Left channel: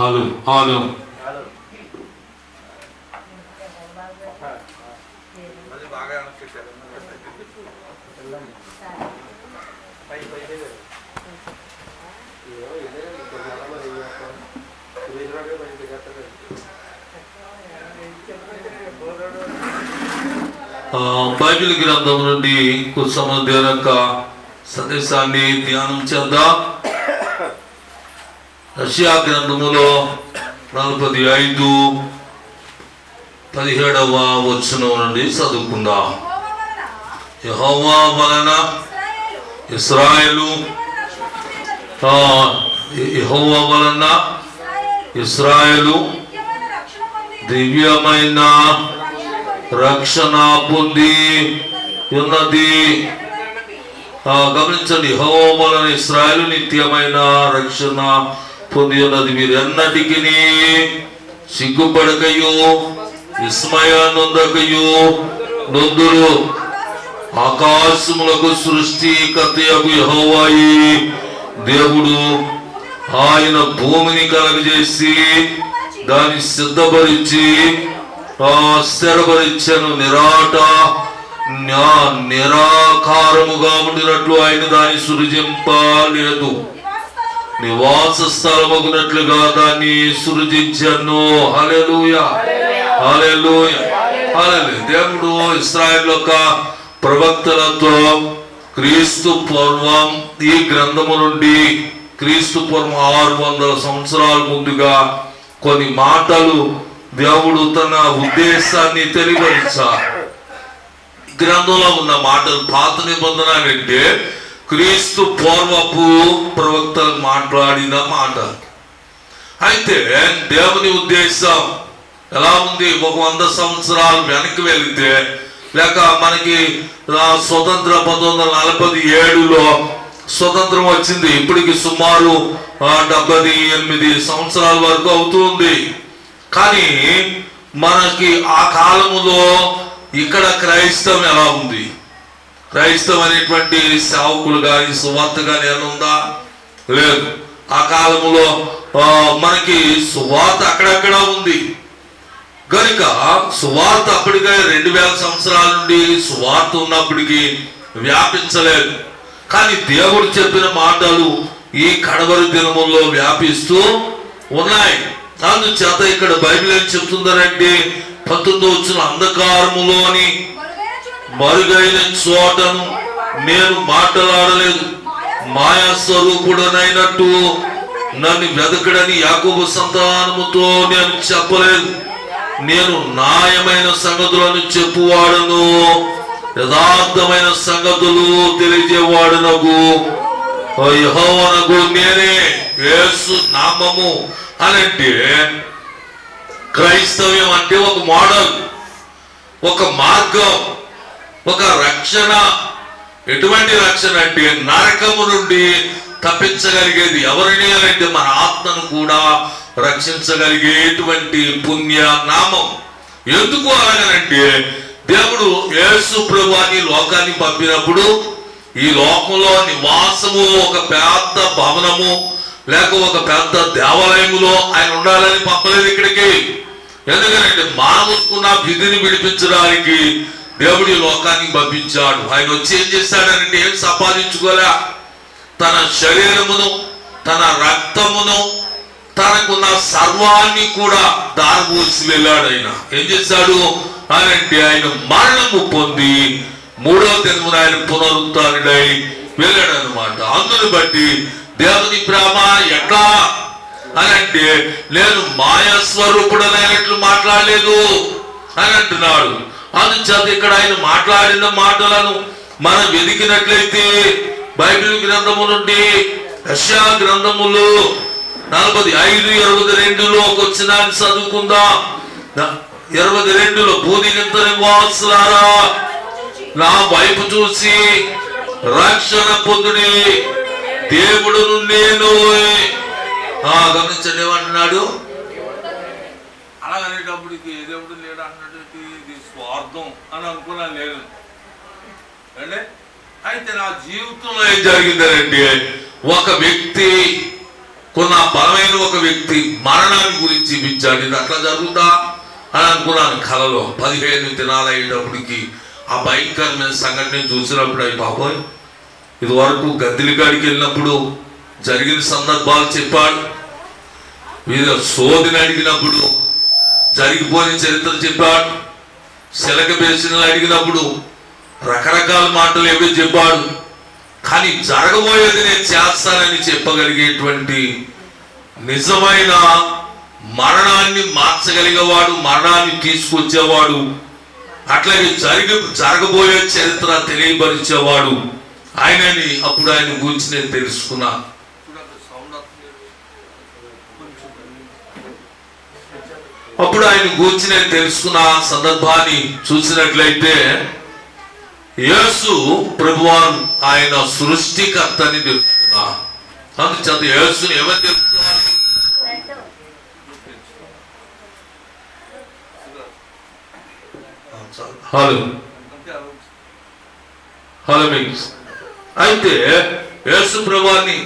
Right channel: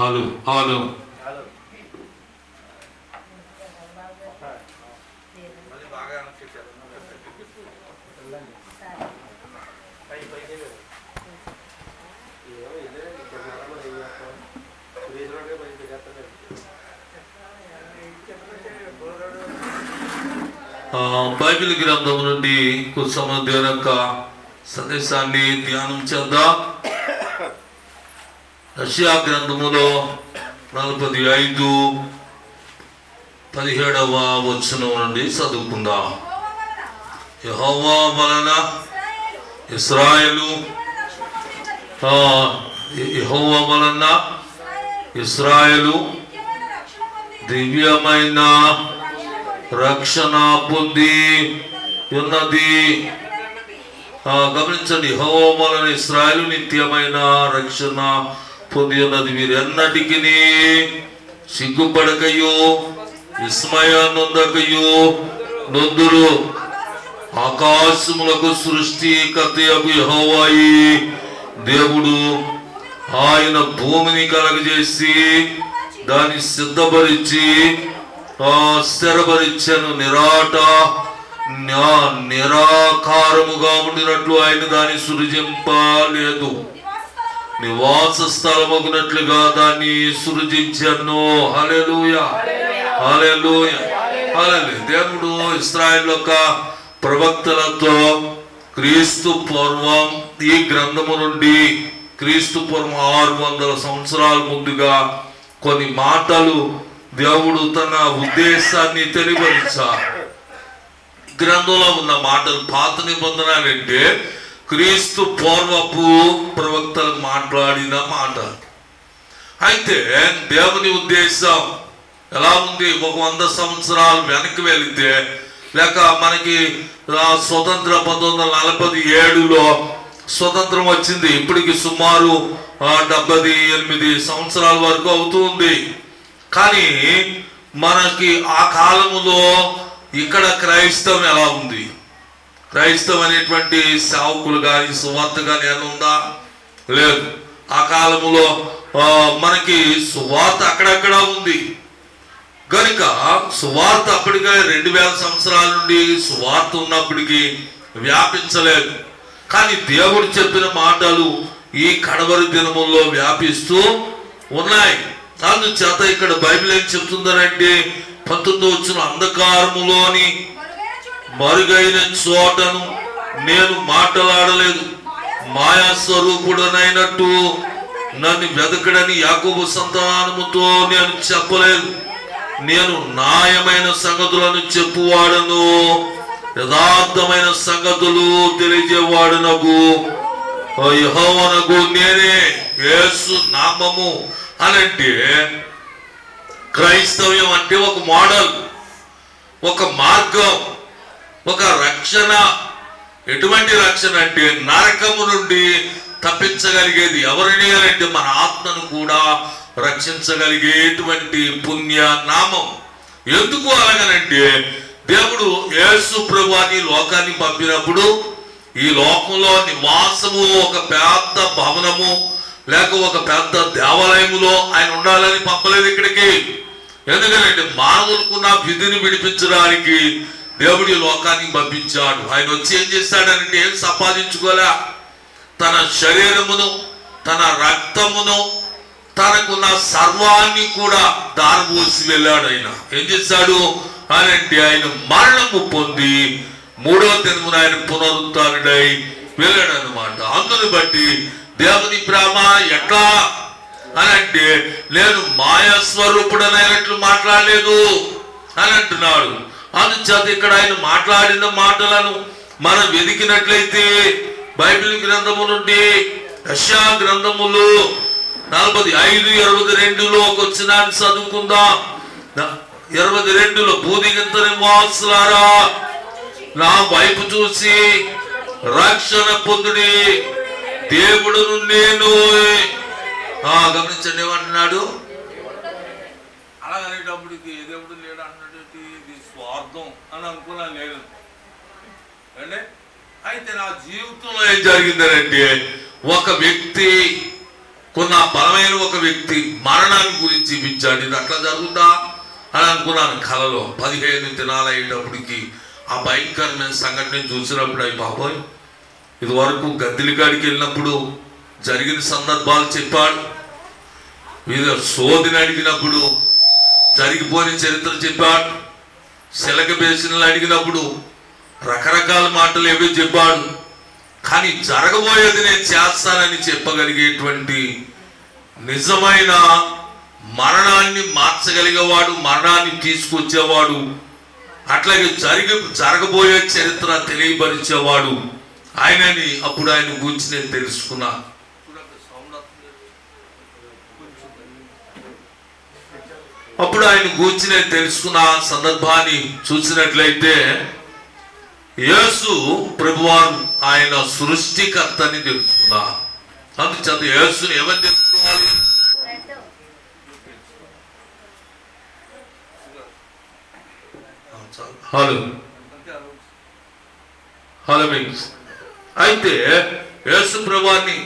Hello hello Bible గ్రంథం నుండి కుసమధ్యాన యొక్క సందేశాన్ని ధ్యానం చేద్దాం. యెషయా గ్రంథములో 45:17 వచనం నుండి చదువుకుందాం. యెహోవా వలన ఇశ్రాయేలు యెహోవా వలన ఇశ్రాయేలు దివ్యమైన రక్షణ పొంది ఉన్నది. గమనించండి, యెహోవా వలన ఇశ్రాయేలు నిత్యమైన రక్షణ పొంది ఉన్నది. మీరు ఎన్నటికి సిగ్గుపడకయు విస్మయానందకయు నొందురు. ఆకాశములకు సృష్టికర్తయగు యెహోవాయే దేవుడు. ఆయన భూమిని కలగజేసి దాన్ని సిద్ధపరిచి స్థిరపరిచెను. నిరాకారముగా ఉండినట్లు ఆయన దాన్ని సృజింపలేదు. నివాస స్థలమగునట్లుగా దాన్ని సృజించెను. హల్లెలూయా హల్లెలూయా హల్లెలూయా. దేవుడు ఇశ్రాయేలు యొక్క ప్రవక్తలతో క్రీస్తు పూర్వం ఈ గ్రంథము నుండి క్రీస్తు పూర్వం 600 సంవత్సరాల ముందుగా కొన్ని మాటలు దేవుడు తన ఉద్దేశాన్ని తెలియపరిచారు. గ్రంథంలో ఉన్న మాటలు పాత నిబంధన అంటే క్రీస్తు పూర్వపు ప్రవక్తలు మాట్లాడిన మాట. అయితే దేవుని ఉద్దేశం ఎలా ఉంది? 100 సంవత్సరాలు వెనక్కి వెళితే, లేక మనకి స్వతంత్ర 1947లో స్వతంత్రం వచ్చింది. ఇప్పటికి సుమారు 78 సంవత్సరాల వరకు అవుతుంది. కానీ మనకి ఆ కాలములో ఇక్కడ క్రైస్తవం ఎలా ఉంది? క్రైస్తవం అనేటువంటి సేవకులు కానీ సువార్త కానీ ఏమైనా ఉందా? లేదు. ఆ కాలములో మనకి సువార్త అక్కడక్కడ ఉంది కనుక సువార్త అప్పటికే 2000 సంవత్సరాల నుండి సువార్త ఉన్నప్పటికీ వ్యాపించలేదు. కానీ దేవుడు చెప్పిన మాటలు ఈ కడవరి దినముల్లో వ్యాపిస్తూ ఉన్నాయి. అందుచేత ఇక్కడ బైబిల్ ఏం చెప్తుందనంటే 19వ వచనం, అంధకారములోని మరుగైన చోటను నేను మాట్లాడలేదు, మాయా స్వరూపుడనైనట్టు నన్ను వెతకడని యాకోబు సంతానముతో నేను చెప్పలేదు. నేను న్యాయమైన సంగతులను చెప్పువాడను, యథార్థమైన సంగతులు తెలియజేవాడునగు యెహోవానగు నేనే. యేసు నామము అనంటే క్రైస్తవ్యం అంటే ఒక మోడల్, ఒక మార్గం, ఒక రక్షణ. ఎటువంటి రక్షణ అంటే నరకము నుండి తప్పించగలిగేది. ఎవరిని అంటే మన ఆత్మను కూడా రక్షించగలిగేటువంటి పుణ్య నామం. ఎందుకు అలాగనంటే దేవుడు యేసు ప్రభువుని లోకాన్ని పంపినప్పుడు ఈ లోకంలో నివాసము ఒక పెద్ద భవనము లేక ఒక పెద్ద దేవాలయములో ఆయన ఉండాలని పంపలేదు ఇక్కడికి. ఎందుకంటే మానవుకున్న విధిని విడిపించడానికి దేవుడి లోకానికి పంపించాడు. ఆయన వచ్చి ఏం చేశాడంటే ఏం సంపాదించుకోలే, తన శరీరమును తన రక్తమును తనకున్న సర్వాన్ని కూడా దారపోసి వెళ్ళాడు. ఆయన ఏం చేశాడు అని అంటే ఆయన మరణము పొంది 3వ దినమున ఆయన పునరుత్థానుడై వెళ్ళాడు అన్నమాట. అందుని బట్టి దేవుని ప్రేమ ఎట్లా అని అంటే నేను మాయా స్వరూపుడనైనట్లు మాట్లాడలేదు అని అంటున్నాడు. అందుచేత ఇక్కడ ఆయన మాట్లాడిన మాటలను మనం వెతికినట్లయితే బైబిల్ గ్రంథము నుండి యెషయా గ్రంథములు 45:22లో ఒక వచనాన్ని చదువుకుందాం. 22లో భూదిగంత నివాసులారా నా వైపు చూసి రక్షణ పొందుడి, దేవుడును నేను. గమనించండి ఏమంటున్నాడు? అలాగనేటప్పటికి దేవుడు లేడు అన్నట్టు ఇది స్వార్థం అని అనుకున్నా లేదు అంటే. అయితే నా జీవితంలో ఏం జరిగిందంటే ఒక వ్యక్తి కొన్న బలమైన ఒక వ్యక్తి మరణాన్ని గురించి చూపించాడు. ఇది అట్లా జరుగుతా అని అనుకున్నాను కలలో. 15 దినాలు అయ్యేటప్పటికి ఆ భయంకరమైన సంఘటన చూసినప్పుడు అయి బాబోయ్, ఇది వరకు గద్దెలికాడికి వెళ్ళినప్పుడు జరిగిన సందర్భాలు చెప్పాడు, వీళ్ళ సోదిని అడిగినప్పుడు జరిగిపోయిన చరిత్ర చెప్పాడు, శిలక బేసినలు అడిగినప్పుడు రకరకాల మాటలు ఏవో చెప్పాడు. కానీ జరగబోయేది నేను చేస్తానని చెప్పగలిగేటువంటి నిజమైన మరణాన్ని మార్చగలిగేవాడు, మరణాన్ని తీసుకొచ్చేవాడు, అట్లాగే జరగబోయే చరిత్ర తెలియపరిచేవాడు ఆయనని అప్పుడు ఆయన గురించి నేను తెలుసుకున్నాను. అప్పుడు ఆయన గురించి నేను తెలుసుకున్న సందర్భాన్ని చూసినట్లయితే యేసు ప్రభువారు ఆయన సృష్టికర్తని తెలుసుకున్నా. అందుచేత యేసుని ఎవరు తెలుసుకోవాలి? హలో మీన్స్ అయితే యేసు ప్రభువాన్ని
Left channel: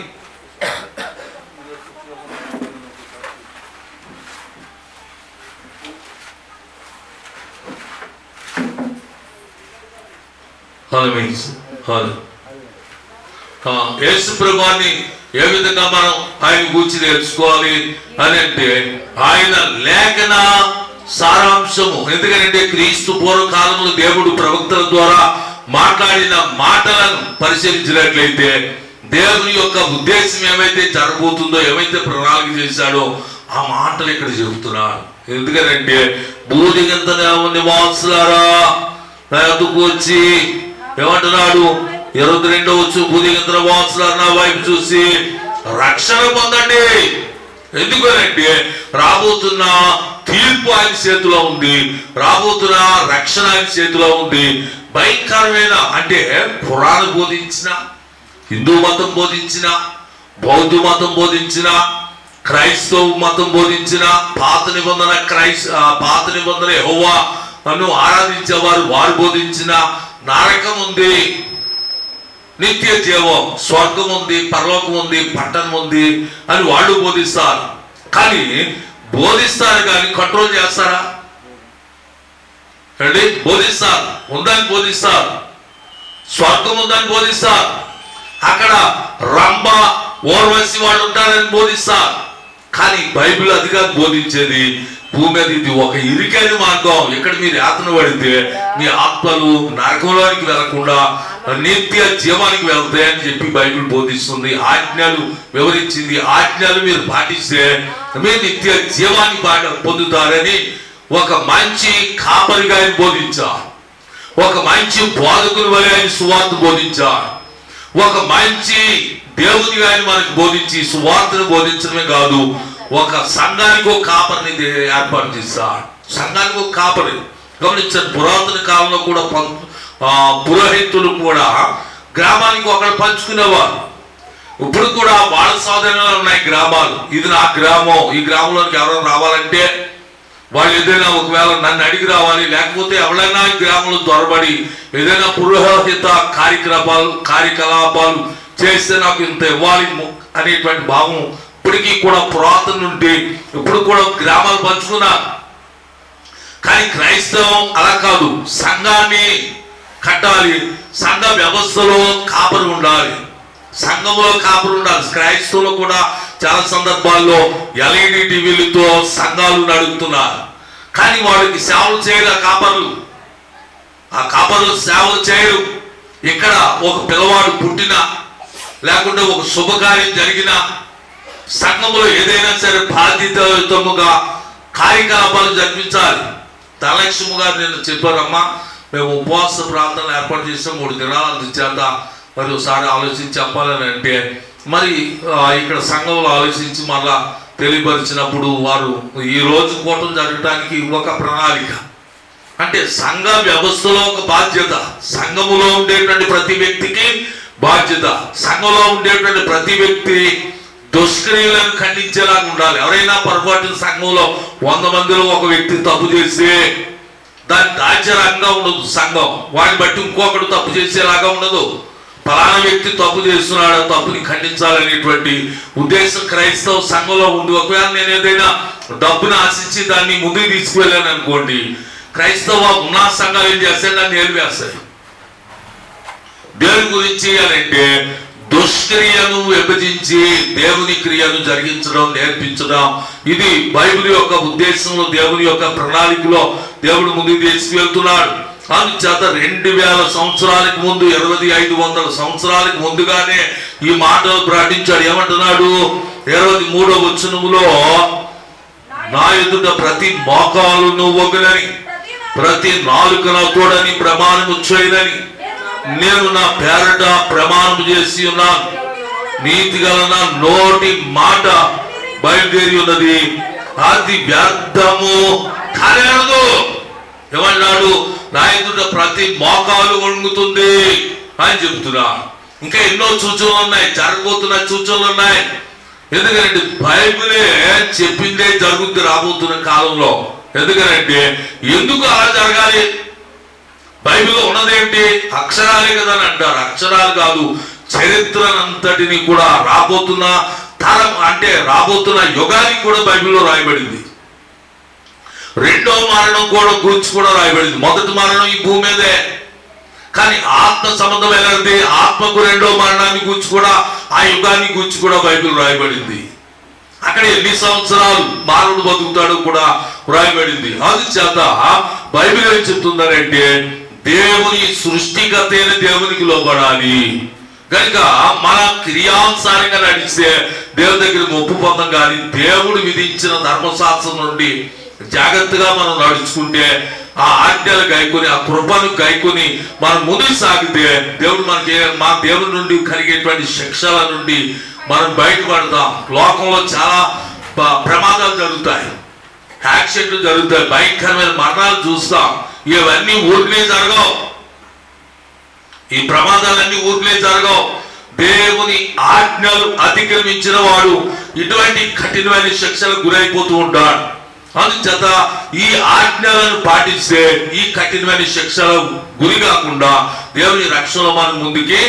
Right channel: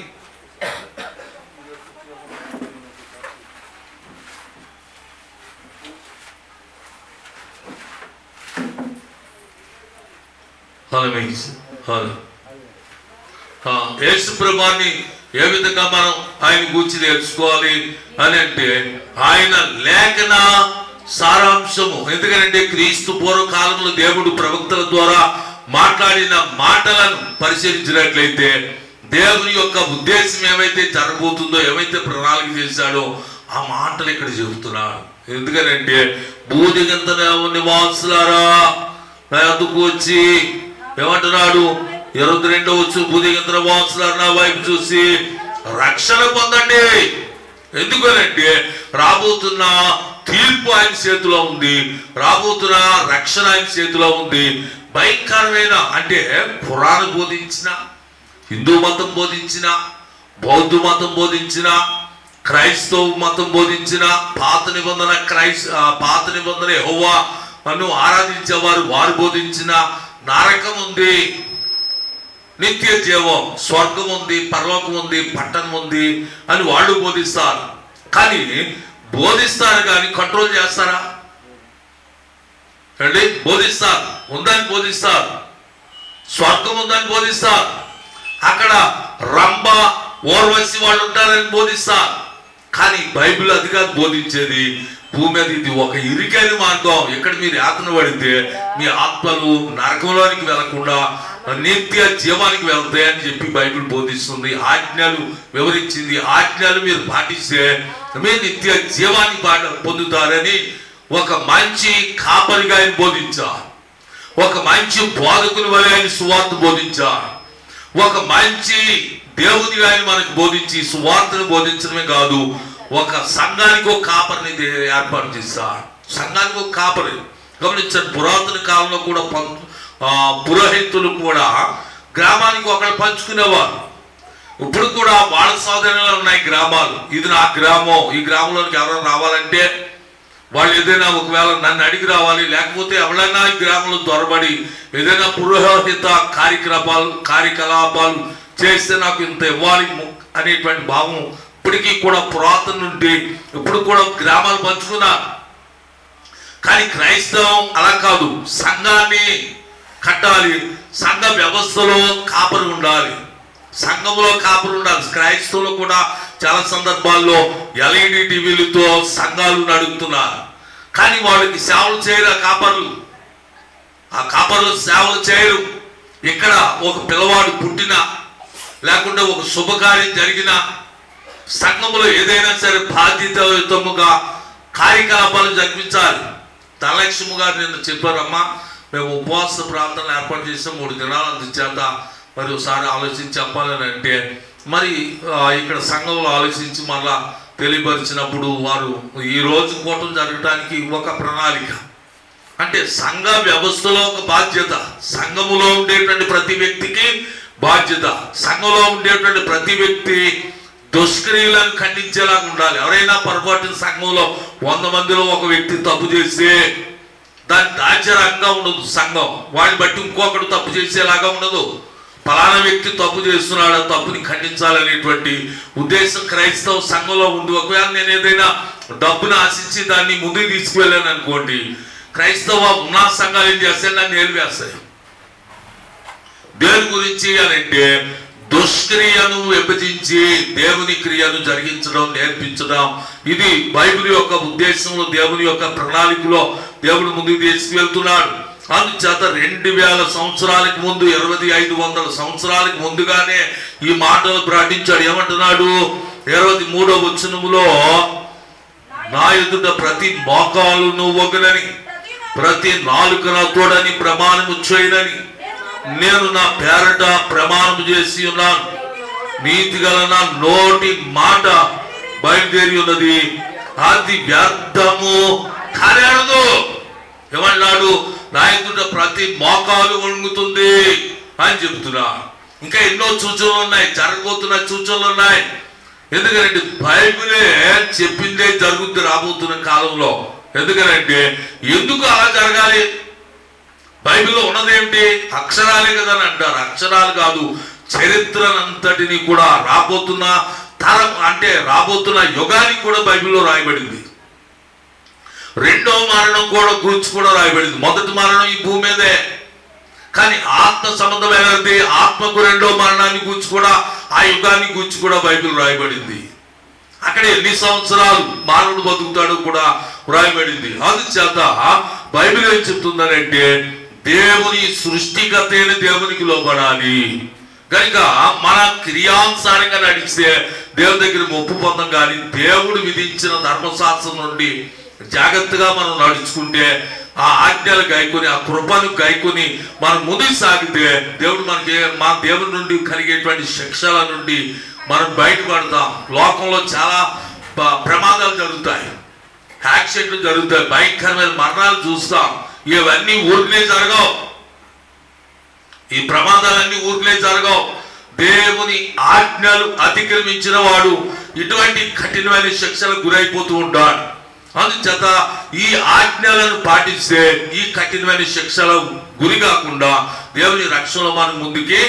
యేసు ప్రభువాన్ని ఏ విధంగా మనం ఆయన గురించి తెలుసుకోవాలి అని అంటే ఆయన లేఖన సారాంశము. ఎందుకంటే క్రీస్తు పూర్వకాలంలో దేవుడు ప్రవక్తల ద్వారా మాట్లాడిన మాటలను పరిశీలించినట్లయితే దేవుని యొక్క ఉద్దేశం ఏమైతే జరగబోతుందో, ఏమైతే ప్రణాళిక చేశాడో ఆ మాటలు ఇక్కడ చెబుతున్నాడు. ఎందుకంటే బూదిగంత నివాసులారా నా ఎదుకు వచ్చి ఏమంటున్నాడు? 22వ వచ్చు, బూదిగంత నివాసులారా నా వైపు చూసి రక్షణ పొందండి. ఎందుకనంటే రాబోతున్న తీర్పు ఆయన చేతిలో ఉంది, రాబోతున్న రక్షణ ఆయన చేతిలో ఉంది. భయంకరమైన అంటే ఖురాన్ బోధించిన, హిందూ మతం బోధించిన, బౌద్ధ మతం బోధించిన, క్రైస్తవ మతం బోధించిన, పాత నిబంధన యెహోవా నన్ను ఆరాధించేవారు వారు బోధించిన నరకం ఉంది, నిత్య జీవం, స్వర్గం ఉంది, పరలోకం ఉంది, పట్టణం ఉంది అని వాళ్ళు బోధిస్తారు. కానీ బోధిస్తారు కానీ కంట్రోల్ చేస్తారా అండి? బోధిస్తారు, ఉందని బోధిస్తారు, స్వర్గం ఉందని బోధిస్తారు, అక్కడ రంభ ఓర్వశి వాళ్ళు ఉంటారని బోధిస్తారు. కానీ బైబిల్ అదిగా బోధించేది భూమి మీద ఇది ఒక ఇరుకైన మార్గం. ఇక్కడ మీరు యాతన పడితే మీ ఆత్మలు నరకంలోనికి వెళ్లకుండా నిత్య జీవానికి వెళ్తాయని చెప్పి బైబిల్ బోధిస్తుంది. ఆజ్ఞలు వివరించింది. ఆజ్ఞలు మీరు పాటిస్తే మీరు నిత్య జీవాన్ని పొందుతారని ఒక మంచి కాపరిగా ఆయన బోధించారు. ఒక మంచి బోధకుని వలె ఆయన సువార్త బోధించారు. ఒక మంచి దేవునిగా ఆయన మనకు బోధించి సువార్తను బోధించడమే కాదు, ఒక సంఘానికి ఒక కాపరిని ఏర్పాటు చేశారు. సంఘానికి ఒక కాపరి. గమనించండి, పురాతన కాలంలో కూడా పురోహితులు కూడా గ్రామానికి ఒకరు పంచుకునేవారు. ఇప్పుడు కూడా వాళ్ళ సాధనలో ఉన్నాయి గ్రామాలు. ఇది నా గ్రామం, ఈ గ్రామంలోకి ఎవరైనా రావాలంటే వాళ్ళు ఏదైనా ఒకవేళ నన్ను అడిగి రావాలి, లేకపోతే ఎవరైనా ఈ గ్రామంలో దొరబడి ఏదైనా పురోహిత కార్యకలాపాలు చేస్తే నాకు ఇంత ఇవ్వాలి అనేటువంటి భావం ఇప్పటికీ కూడా పురాతన నుండి ఇప్పుడు కూడా గ్రామాలు పంచుకున్నారు. కానీ క్రైస్తవం అలా కాదు, సంఘాన్ని కట్టాలి, సంఘ వ్యవస్థలో కాపరి ఉండాలి, సంఘంలో కాపరి ఉండాలి. క్రైస్తవులు కూడా చాలా సందర్భాల్లో LED టీవీలతో సంఘాలు నడుపుతున్నారు. కానీ వాళ్ళకి సేవలు చేయరు ఆ కాపరులు సేవలు చేయరు. ఇక్కడ ఒక పిల్లవాడు పుట్టినా లేకుంటే ఒక శుభకార్యం జరిగినా సంఘంలో ఏదైనా సరే బాధ్యతయుతముగా కార్యకలాపాలు జరిపించాలి. ధనలక్ష్మి గారు నేను చెప్పారమ్మా, మేము ఉపవాస ప్రార్థనలు ఏర్పాటు చేసాం 3 దినాలు, అందుచేత మరి ఒకసారి ఆలోచించి చెప్పాలని అంటే మరి ఇక్కడ సంఘంలో ఆలోచించి మళ్ళా తెలియపరిచినప్పుడు వారు ఈ రోజు కూటం జరగడానికి ఒక ప్రణాళిక. అంటే సంఘ వ్యవస్థలో ఒక బాధ్యత, సంఘములో ఉండేటువంటి ప్రతి వ్యక్తికి బాధ్యత, సంఘంలో ఉండేటువంటి ప్రతి వ్యక్తి దుష్క్రియలను ఖండించేలాగా ఉండాలి. ఎవరైనా పొరపాటు సంఘంలో 100 మందిలో ఒక వ్యక్తి తప్పు చేస్తే దాని దాచరంగా ఉండదు సంఘం, వాడిని బట్టి ఇంకొకడు తప్పు చేసేలాగా ఉండదు. ఫలానా వ్యక్తి తప్పు చేస్తున్నాడు, తప్పుని ఖండించాలనేటువంటి ఉద్దేశం క్రైస్తవ సంఘంలో ఉంది. ఒకవేళ నేను ఏదైనా డబ్బును ఆశించి దాన్ని ముందుకు తీసుకువెళ్ళాను అనుకోండి, క్రైస్తవ ఉన్నత సంఘాలు ఏం చేస్తాయి, నన్ను ఏలివేస్తాయి. దేని గురించి అని అంటే దుష్క్రియను విభజించి దేవుని క్రియను జరిగించడం, నేర్పించడం. ఇది బైబిల్ యొక్క ఉద్దేశంలో, దేవుని యొక్క ప్రణాళికలో దేవుడు ముందుకు తీసుకువెళ్తున్నాడు. అందుచేత 2000 సంవత్సరాలకు ముందు, 2500 సంవత్సరాలకు ముందుగానే ఈ మాటలు ప్రకటించాడు. ఏమంటున్నాడు? 23వ వచనములో, నా ఎదుట ప్రతి మోకాలును వగునని, ప్రతి నాలుకన తోడని ప్రమాణము చేయనని నేను నా పేరట ప్రమాణం చేసి ఉన్నాను. నీతి గల నా నోటి మాట బయలుదేరి ఉన్నది, అది వ్యర్థము కానేరదు. ఏమన్నాడు? నా ఎదుట ప్రతి మోకాలు వణుకుతుంది అని చెప్తున్నా. ఇంకా ఎన్నో సూచనలు ఉన్నాయి, జరగబోతున్న సూచనలు ఉన్నాయి. ఎందుకంటే బైబిలే చెప్పిందే జరుగుతుంది రాబోతున్న కాలంలో. ఎందుకంటే ఎందుకు అలా జరగాలి? బైబిల్లో ఉన్నదేంటి? అక్షరాలే కదా అని అంటారు. అక్షరాలు కాదు, చరిత్రనంతటిని కూడా రాబోతున్న తరం అంటే రాబోతున్న యుగానికి కూడా బైబిల్లో రాయబడింది. రెండో మరణం కూడా గురించి కూడా రాయబడింది. మొదటి మరణం ఈ భూమి మీదే, కానీ ఆత్మ సంబంధమైనది. ఆత్మకు రెండో మరణాన్ని గురించి కూడా, ఆ యుగాన్ని గురించి కూడా బైబిల్ రాయబడింది. అక్కడ ఎన్ని సంవత్సరాలు మానవుడు బతుకుతాడు కూడా రాయబడింది. అందుచేత బైబిల్ ఏం చెప్తుందంటే దేవుని సృష్టికర్తైన దేవునికి లోబడాలి. కనుక మన క్రియానుసారంగా నడిస్తే దేవుని దగ్గర ఒప్పు పొందం. కానీ దేవుడు విధించిన ధర్మశాస్త్రం నుండి జాగ్రత్తగా మనం నడుచుకుంటే, ఆ ఆజ్ఞలు గైకొని, ఆ కృపను గైకొని మనం ముందుకు సాగితే దేవుడు మనకి, మా దేవుడి నుండి కలిగేటువంటి శిక్షల నుండి మనం బయటపడతాం. లోకంలో చాలా ప్రమాదాలు జరుగుతాయి, యాక్సిడెంట్లు జరుగుతాయి, భయంకరమైన మరణాలు చూస్తాం. ఇవన్నీ ఊరికే జరగవు, ఈ ప్రమాదాలన్నీ ఊరికే జరగవు. దేవుని ఆజ్ఞలు అతిక్రమించిన వాడు ఇటువంటి కఠినమైన శిక్షలకు గురైపోతూ ఉంటాడు. అందుచేత ఈ ఆజ్ఞలను పాటిస్తే ఈ కఠినమైన శిక్షల గురి కాకుండా దేవుని రక్షణలో మనం ముందుకి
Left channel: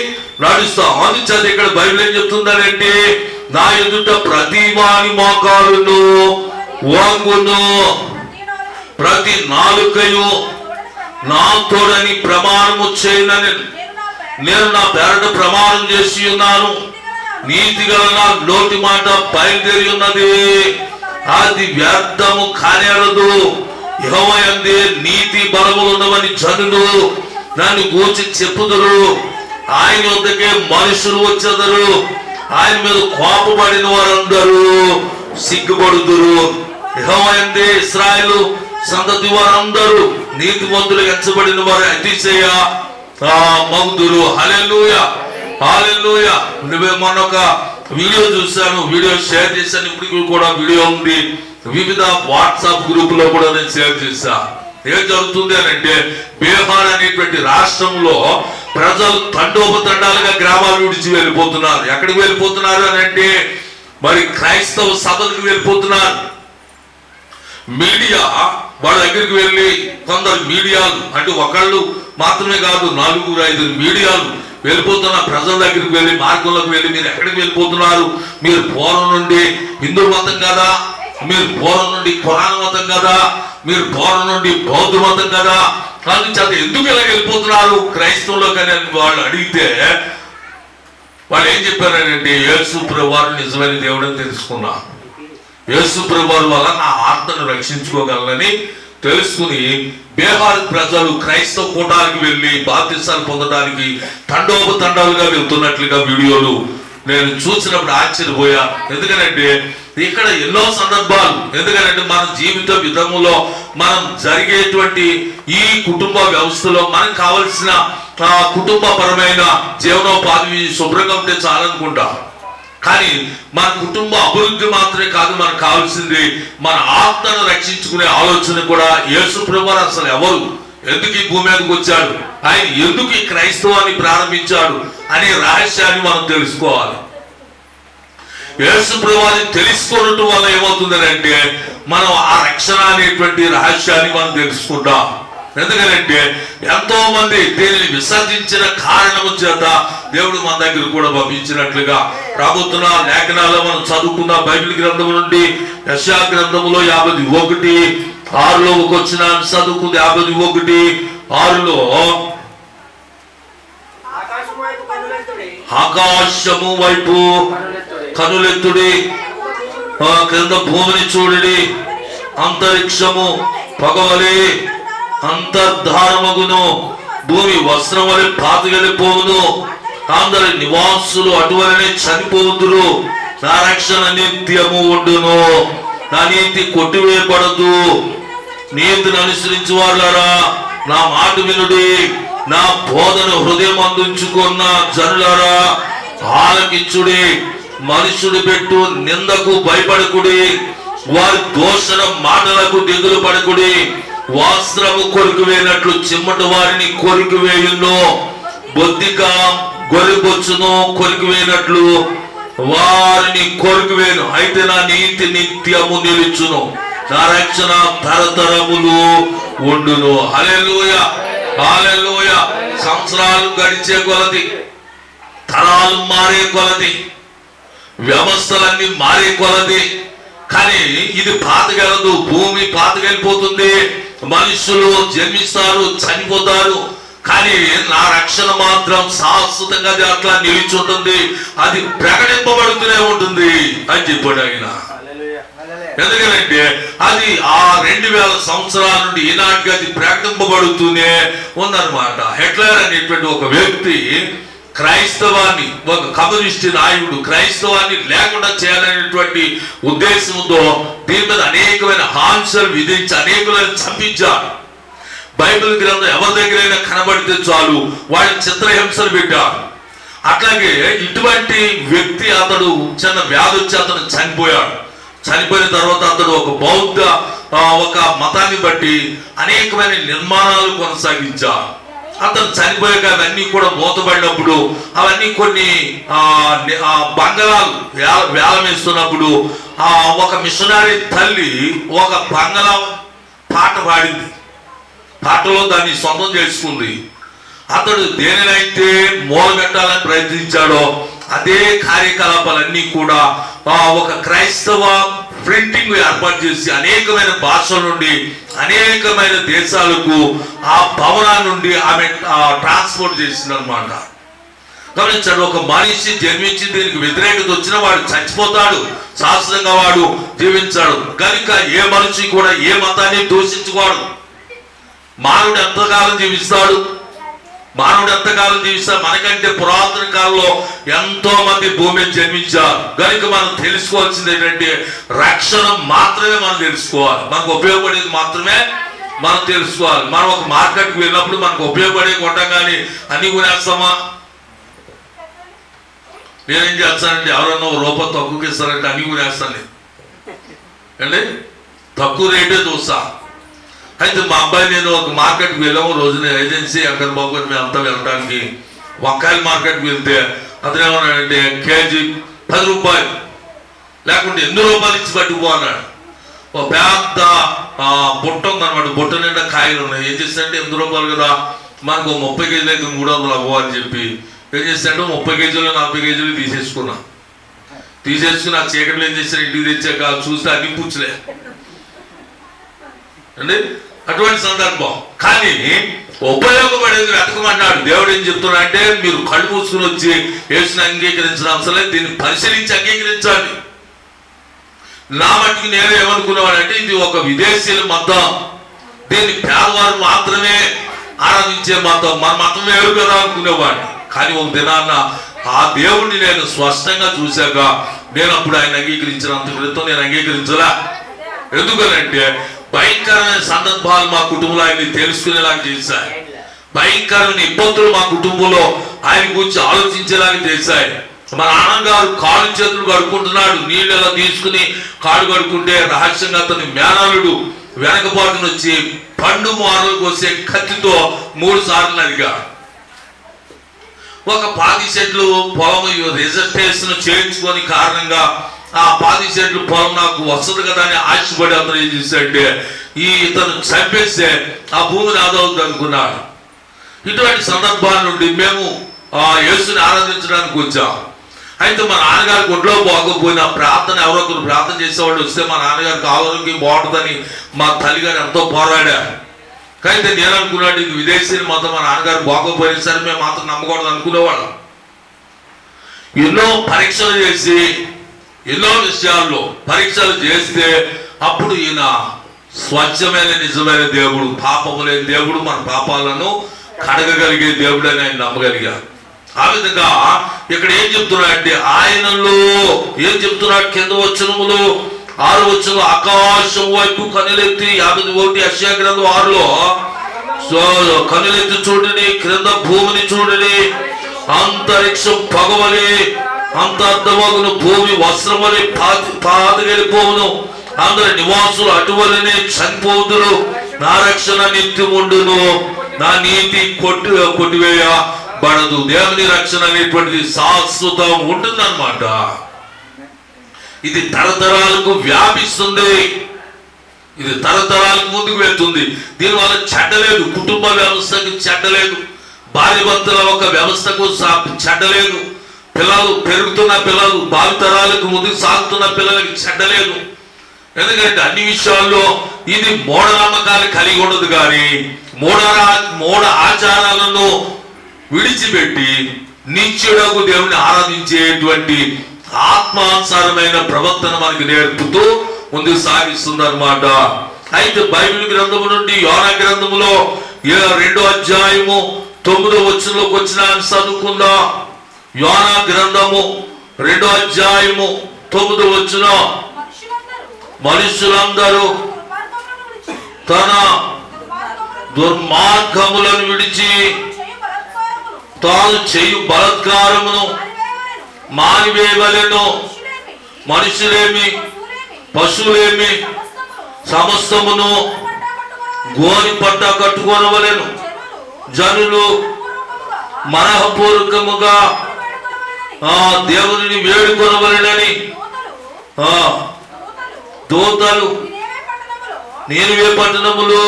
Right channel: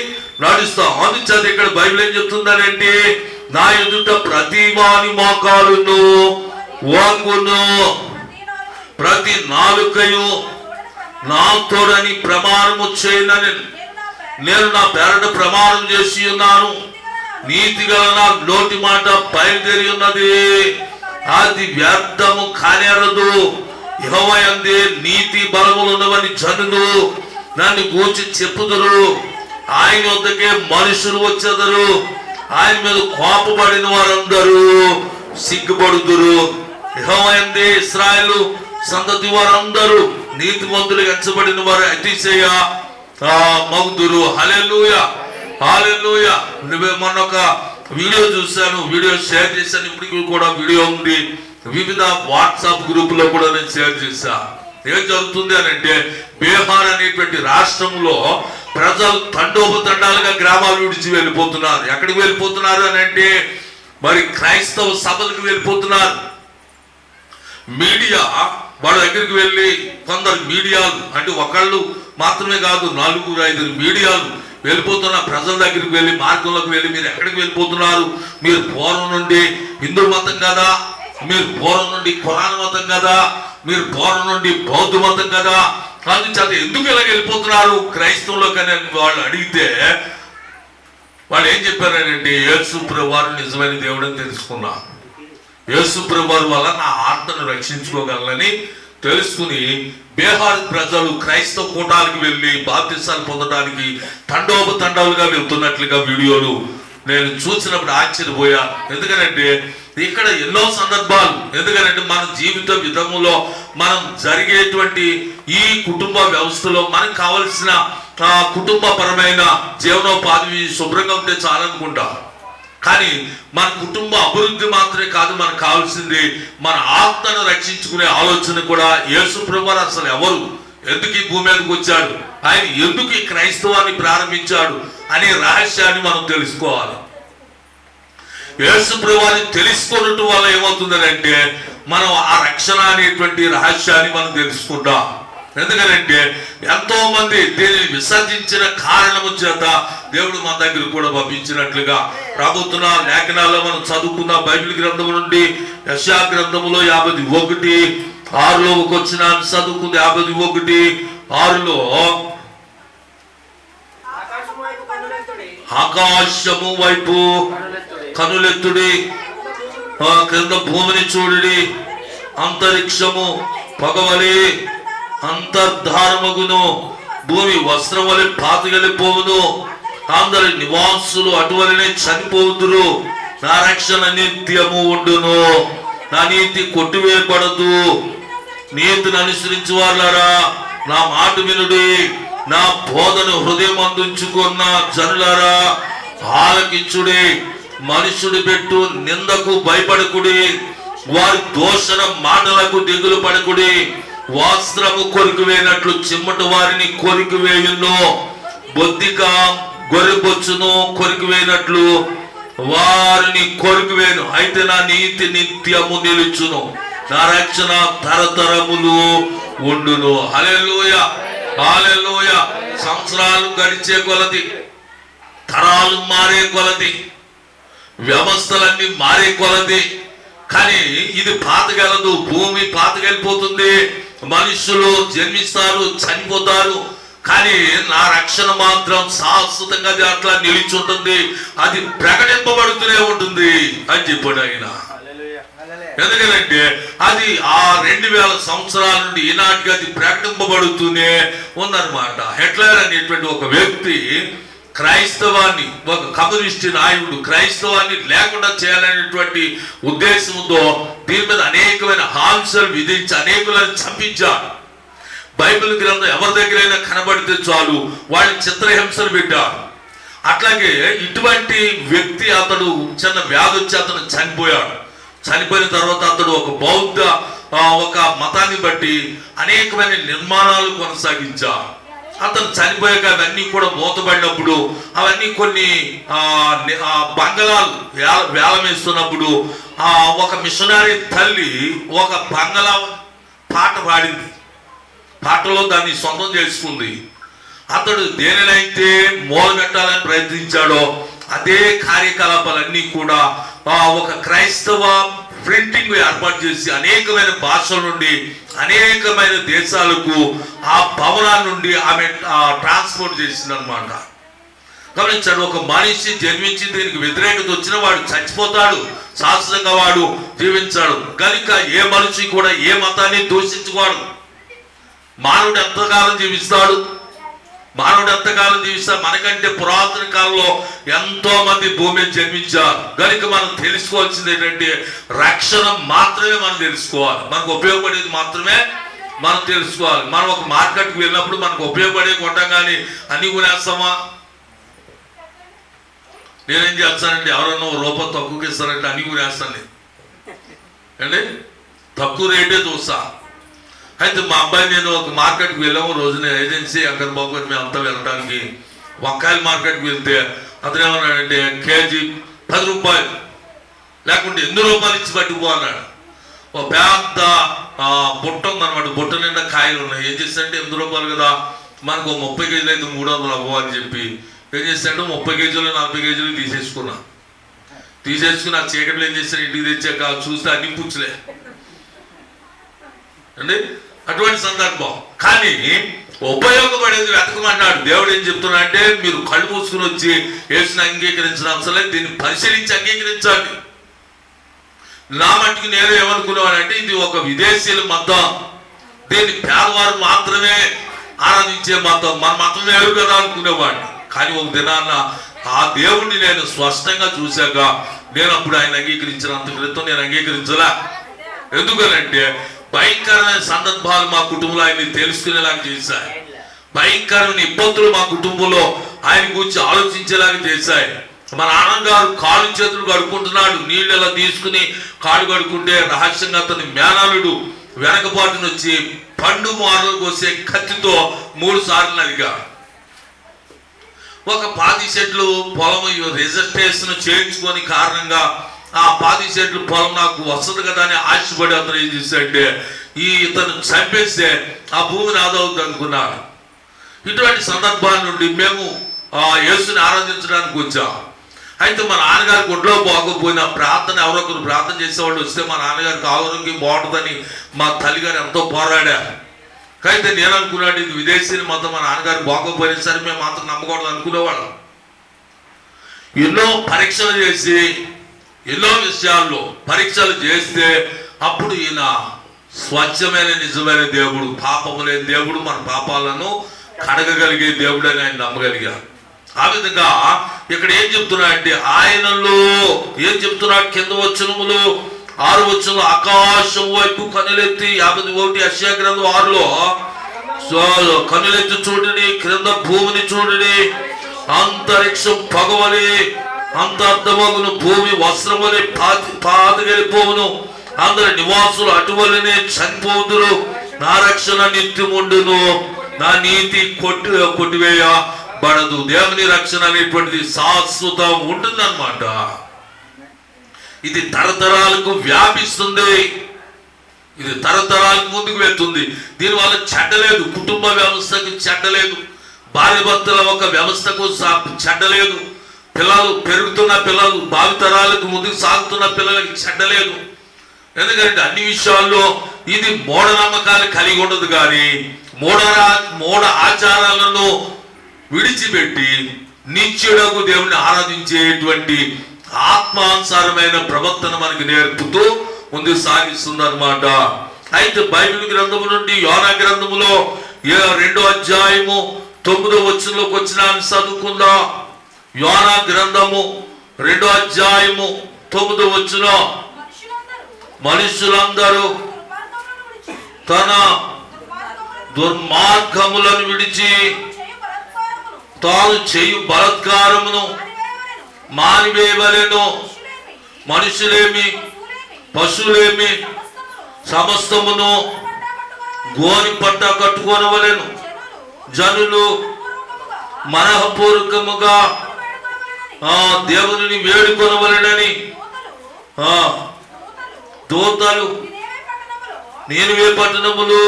నడుస్తాం. అందుచేత ఇక్కడ బైబిల్ ఏం చెప్తుందంటే, నా ఎదుట ప్రతి వాని మోకాలును వంగును, ప్రతి నాలుకయు నా తోడని ప్రమాణము చేయనని నేను నా పేరట ప్రమాణం చేసి ఉన్నాను. నీతి గల నా నోటి మాట బయలుదేరి ఉన్నది, అది వ్యర్థము కానేరదు. యెహోవా యందే నీతి బలము ఉన్నవని జనులు నన్ను గూర్చి చెప్పుదురు. ఆయన వద్దకే మనుషులు వచ్చేదరు, ఆయన మీద కోపపడిన వారందరూ సిగ్గుపడుదురు. యెహోవా యందే ఇశ్రాయేలు సంతతి వారందరూ నీతిమంతులు ఎంచబడిన వారు అతిశయ మగుదురు. హల్లెలూయా, హల్లెలూయా. మొన్న ఒక వీడియో చూశాను, వీడియో షేర్ చేశాను. ఇప్పటికి కూడా వీడియో ఉంది, వివిధ వాట్సాప్ గ్రూపులో కూడా నేను షేర్ చేశా. ఏం జరుగుతుంది అని అంటే, బీహార్ అనేటువంటి రాష్ట్రంలో ప్రజలు తండోపతండాలుగా గ్రామాలు విడిచి వెళ్ళిపోతున్నారు. ఎక్కడికి వెళ్ళిపోతున్నారు అని అంటే, మరి క్రైస్తవ సభలకు వెళ్ళిపోతున్నారు. మీడియా వాళ్ళ దగ్గరికి వెళ్ళి, కొందరు మీడియాలు అంటే ఒకళ్ళు మాత్రమే కాదు, 4-5 మీడియాలు వెళ్ళిపోతున్న ప్రజల దగ్గరికి వెళ్ళి, మార్గంలోకి వెళ్ళి, మీరు ఎక్కడికి వెళ్ళిపోతున్నారు? మీరు పూర్వం నుండి హిందూ మతం కదా, మీరు పూర్వం నుండి ఖురాన్ మతం కదా, మీరు పూర్వం నుండి బౌద్ధ మతం కదా, అందుచేత ఎందుకు ఇలా వెళ్ళిపోతున్నారు క్రైస్తవులకు అని వాళ్ళు అడిగితే, వాళ్ళు ఏం చెప్పారంటే, యేసు ప్రభువారు నిజమైన దేవుడని తెలుసుకున్నా, యేసు ప్రభువారు వల్ల నా ఆత్మను రక్షించుకోగలనని తెలుసుకుని బీహార్ ప్రజలు క్రైస్తవ కూటాలకు వెళ్ళి బాప్తిసాలు పొందడానికి తండోపతండాలుగా వెళ్తున్నట్లుగా వీడియోలు నేను చూసినప్పుడు ఆశ్చర్యపోయా. ఎందుకంటే ఇక్కడ ఎన్నో సందర్భాలు, ఎందుకంటే మన జీవిత విధములో మనం జరిగేటువంటి ఈ కుటుంబ వ్యవస్థలో మనకు కావలసిన కుటుంబ పరమైన జీవనోపాధి శుభ్రంగా ఉంటే చాలనుకుంటా. కానీ మన కుటుంబ అభివృద్ధి మాత్రమే కాదు, మనకు కావాల్సింది మన ఆత్మను రక్షించుకునే ఆలోచన కూడా. యేసు ప్రభువారు అసలు ఎవరు, ఎందుకు ఈ భూమి మీదకి వచ్చాడు, ఆయన ఎందుకు ఈ క్రైస్తవాన్ని ప్రారంభించాడు అనే రహస్యాన్ని మనం తెలుసుకోవాలి. యేసు ప్రభువారిని తెలుసుకోవడం వల్ల ఏమవుతుందంటే, మనం ఆ రక్షణ అనేటువంటి రహస్యాన్ని మనం తెలుసుకుంటాం. ఎందుకంటే ఎంతో మంది దీనిని విసర్జించిన కారణము చేత దేవుడు మన దగ్గర కూడా పంపించినట్లుగా రాబోతున్న లేఖనాల్లో మనం చదువుకున్న బైబిల్ గ్రంథం నుండి యెషయా గ్రంథములో 51:6 వచ్చిన చదువుకుంది. 51:6 ఆకాశము వైపు కనులెత్తుడి, క్రింద భూమిని చూడుడి, అంతరిక్షము పగవలి అంతర్ధారమగును, భూమి వస్త్రం వలె పాతగలిపోవును, అందరి నివాసులు అటువలనే చనిపోవుదురు, నా రక్షణ నిత్యము ఉండును, నా నీతి కొట్టివేయబడదు. నీతిని అనుసరించి వాళ్ళారా నా మాట వినుడి, నా బోధను హృదయం అందించుకున్న జనులారా ఆలకించుడి. మనుషుడు పెట్టు నిందకు భయపడకుడి, వారి దోషణ మాటలకు దిగులు పడకుడి. వస్త్రము కొరికివేయనట్లు చిమ్మట వారిని కొరికివేయును, బొద్దిక గొర్రెబొచ్చును కొరికివేయనట్లు వారిని కొరికివేయను. అయితే నా నీతి నిత్యము నిలుచును, నా రక్షణ తరతరములు ఉండును. హల్లెలూయా, హల్లెలూయా. సంవత్సరాలు గడిచే కొలది, తరాలు మారే కొలది, వ్యవస్థలన్నీ మారే కొలది, కానీ ఇది పాతగలదు. భూమి పాతగలిపోతుంది, మనుషులు జన్మిస్తారు, చనిపోతారు, కానీ నా రక్షణ మాత్రం శాశ్వతంగా అట్లా నిలిచి ఉంటుంది, అది ప్రకటింపబడుతూనే ఉంటుంది అని చెప్పాడు ఆయన. ఎందుకంటే అది ఆ 2000 సంవత్సరాల నుండి ఈనాటికి అది ప్రకటింపబడుతూనే ఉందన్నమాట. హిట్లర్ అనేటువంటి ఒక వ్యక్తి క్రైస్తవాన్ని, ఒక కమ్యూనిస్ట్ నాయకుడు క్రైస్తవాన్ని లేకుండా చేయాలనేటువంటి ఉద్దేశంతో దీని మీద అనేకమైన ఆంక్షలు విధించి అనేకులను చంపించాడు. బైబిల్ గ్రంథం ఎవరి దగ్గరైనా కనబడితే చాలు వాడిని చిత్రహింసలు పెట్టాడు. అట్లాగే ఇటువంటి వ్యక్తి అతడు చిన్న వ్యాధి వచ్చి అతను చనిపోయాడు. చనిపోయిన తర్వాత అతడు ఒక బౌద్ధ ఒక మతాన్ని బట్టి అనేకమైన నిర్మాణాలు కొనసాగించాడు. అతను చనిపోయాక అవన్నీ కూడా మూతపడినప్పుడు అవన్నీ కొన్ని బంగళాలు వేలం వేస్తున్నప్పుడు ఒక మిషనరీ తల్లి ఒక బంగళా పాట పాడింది. పాటలో దాన్ని సొంతం చేసుకుంది. అతడు దేనినైతే మూలగట్టాలని ప్రయత్నించాడో అదే కార్యకలాపాలన్నీ కూడా ఒక క్రైస్తవ ప్రింటింగ్ ఏర్పాటు చేసి అనేకమైన భాషల నుండి అనేకమైన దేశాలకు ఆ భవనాల నుండి ఆమె ట్రాన్స్పోర్ట్ చేసింది అనమాట. గమనించాడు, ఒక మనిషి జన్మించి దీనికి వ్యతిరేకత వచ్చినా వాడు చచ్చిపోతాడు, శాశ్వతంగా వాడు జీవించాడు. కనుక ఏ మనిషి కూడా ఏ మతాన్ని దూషించుకోడు. మానవుడు ఎంతకాలం జీవిస్తాడు, మానవుడు ఎంతకాలం జీవిస్తాడు? మనకంటే పురాతన కాలంలో ఎంతో మంది భూమిని జన్మించారు. కనుక మనం తెలుసుకోవాల్సింది ఏంటంటే రక్షణ మాత్రమే మనం తెలుసుకోవాలి, మనకు ఉపయోగపడేది మాత్రమే మనం తెలుసుకోవాలి. మనం ఒక మార్కెట్కి వెళ్ళినప్పుడు మనకు ఉపయోగపడే కొంటాం, కానీ అన్ని కొనేస్తామా? నేనేం చేస్తానండి, ఎవరన్నా రూపాయి తక్కువకి ఇస్తారంటే అన్ని కొనేస్తాను అండి, తక్కువ రేటే చూస్తా. అయితే మా అబ్బాయి నేను ఒక మార్కెట్కి వెళ్ళాము. రోజున ఏజెన్సీ అక్కడ బాబు మేము అంతా వెళ్ళడానికి వంకాయల మార్కెట్కి వెళ్తే అతను ఏమన్నాడంటే కేజీ 10 రూపాయలు, లేకుంటే 8 రూపాయలు ఇచ్చి పట్టుకుపో అన్నాడు. ఒక పెద్ద బుట్ట ఉందన్నమాట, బుట్ట నిండా కాయలు ఉన్నాయి. ఏం చేస్తాడంటే 8 రూపాయలు కదా, మనకు 30 కేజీలు అయితే 300 అవ్వ అని చెప్పి ఏం చేస్తాడంటే 30 కేజీలు 40 కేజీలు తీసేసుకుని ఆ చీకట్లో ఏం చేస్తాడు, ఇంటికి తెచ్చాక చూస్తే అన్ని పుచ్చులే అండి. అటువంటి సందర్భం. కానీ ఉపయోగపడేది వెతకమన్నాడు. దేవుడు ఏం చెప్తున్నా అంటే మీరు కళ్ళు మూసుకుని వచ్చి యేసుని అంగీకరించిన అవసరం లేదు, దీన్ని పరిశీలించి అంగీకరించాలి. నా మట్టుకు నేను ఏమనుకునేవాడంటే ఇది ఒక విదేశీయుల మతం, దీన్ని పేదవారు మాత్రమే ఆరాధించే మతం, మన మతం వేరు కదా అనుకునేవాడిని. కానీ ఒక దినాన్న ఆ దేవుణ్ణి నేను స్పష్టంగా చూశాక నేను అప్పుడు ఆయన అంగీకరించినంత క్రితం నేను అంగీకరించలా. ఎందుకనంటే భయంకరమైన సందర్భాలు మా కుటుంబంలో ఆయన్ని తెలుసుకునేలాగా చేశాయి, భయంకరమైన ఇబ్బందులు మా కుటుంబంలో ఆయన గురించి ఆలోచించేలాగా చేశాయి. మా నాన్నగారు కాళ్ళు చేతులు కడుక్కుంటున్నాడు, నీళ్ళు ఎలా తీసుకుని కాళ్ళు కడుక్కుంటే రహస్యంగా అతని మేనలుడు వెనకపాటును వచ్చి పండు మాటలకు వచ్చే కత్తితో 3 సార్లు నరిగా. ఒక 10 సెంట్లు పొలం రిజర్వేషన్ చేయించుకొని కారణంగా ఆ 10 సెంట్లు పొలం నాకు వస్తుంది కదా అని ఆశపడి అతను ఏం చేశాడంటే ఇతను చంపేస్తే ఆ భూమిని ఆదవుతుంది అనుకున్నాడు. ఇటువంటి సందర్భాల నుండి మేము యేసుని ఆరాధించడానికి వచ్చాం. అయితే మా నాన్నగారికి ఒంట్లో బాగోపోయినా ప్రార్థన ఎవరో ఒకరు ప్రార్థన చేసేవాళ్ళు వస్తే మా నాన్నగారికి ఆరోగ్యం బాగుంటుందని మా తల్లిగారు ఎంతో పోరాడారు. అయితే నేను అనుకున్నాడు ఇది విదేశీని మొత్తం మా నాన్నగారు బాగోపోయినా సరే మేము మాత్రం నమ్మకూడదు అనుకునేవాళ్ళం. ఎన్నో పరీక్షలు చేసి ఎన్నో విషయాల్లో పరీక్షలు చేస్తే అప్పుడు ఈయన స్వచ్ఛమైన నిజమైన దేవుడు, పాపము లేని దేవుడు, మన పాపాలను కడగగలిగే దేవుడు అని ఆయన నమ్మగలిగారు. ఆ విధంగా ఇక్కడ ఏం చెప్తున్నాడంటే ఆయనలో ఏం చెప్తున్నాడు, కింద వచనములు 6 వచనం, ఆకాశం వైపు కనులెత్తి 51 యెషయా గ్రంథం 6లో కనులెత్తి చూడని, క్రింద భూమిని చూడని, అంతరిక్షం పగవలి అంతర్ధమగును, భూమి వస్త్రం వలె పాతగెలిపోవును, అందరి నివాసులు అటువలనే చనిపోదురు, నా రక్షణ నిత్యముండును, నా నీతి కొట్టివేయబడదు. దేవుని రక్షణ అనేటువంటిది శాశ్వతం ఉంటుందన్నమాట. ఇది తరతరాలకు వ్యాపిస్తుంది, ఇది తరతరాలకు ముందుకు వెళ్తుంది. దీనివల్ల చెడ్డలేదు, కుటుంబ వ్యవస్థకు చెడ్డలేదు, భార్య భర్తల ఒక వ్యవస్థకు చెడ్డలేదు, పిల్లలు పెరుగుతున్న పిల్లలు భావితరాలకు ముందుకు సాగుతున్న పిల్లలకి చెడ్డలేదు. ఎందుకంటే అన్ని విషయాల్లో ఇది మూఢనమ్మకాలు కలిగి ఉండదు, కానీ మూఢ ఆచారాలను విడిచిపెట్టి నిత్యుడకు దేవుని ఆరాధించేటువంటి ఆత్మానుసారమైన ప్రవర్తన మనకి నేర్పుతూ ముందుకు సాగిస్తుంది అన్నమాట. అయితే బైబిల్ గ్రంథము నుండి యోనా గ్రంథములో 2వ అధ్యాయము 9వ వచనంలోకి వచ్చిన చదువుకుందాం. యోనా గ్రంథము 2వ అధ్యాయము 9వ వచనం, మనుషులందరూ తన దుర్మార్గములను విడిచి తాను చేయు బలాత్కారమును మానివేయవలెను. మనుషులేమి పశువులేమి సమస్తమును గోని పట్ట కట్టుకొనవలెను. జనులు మనఃపూర్వకముగా దేవుని వేడుకొనవలెనని దూతలు నీనివే పట్టణములు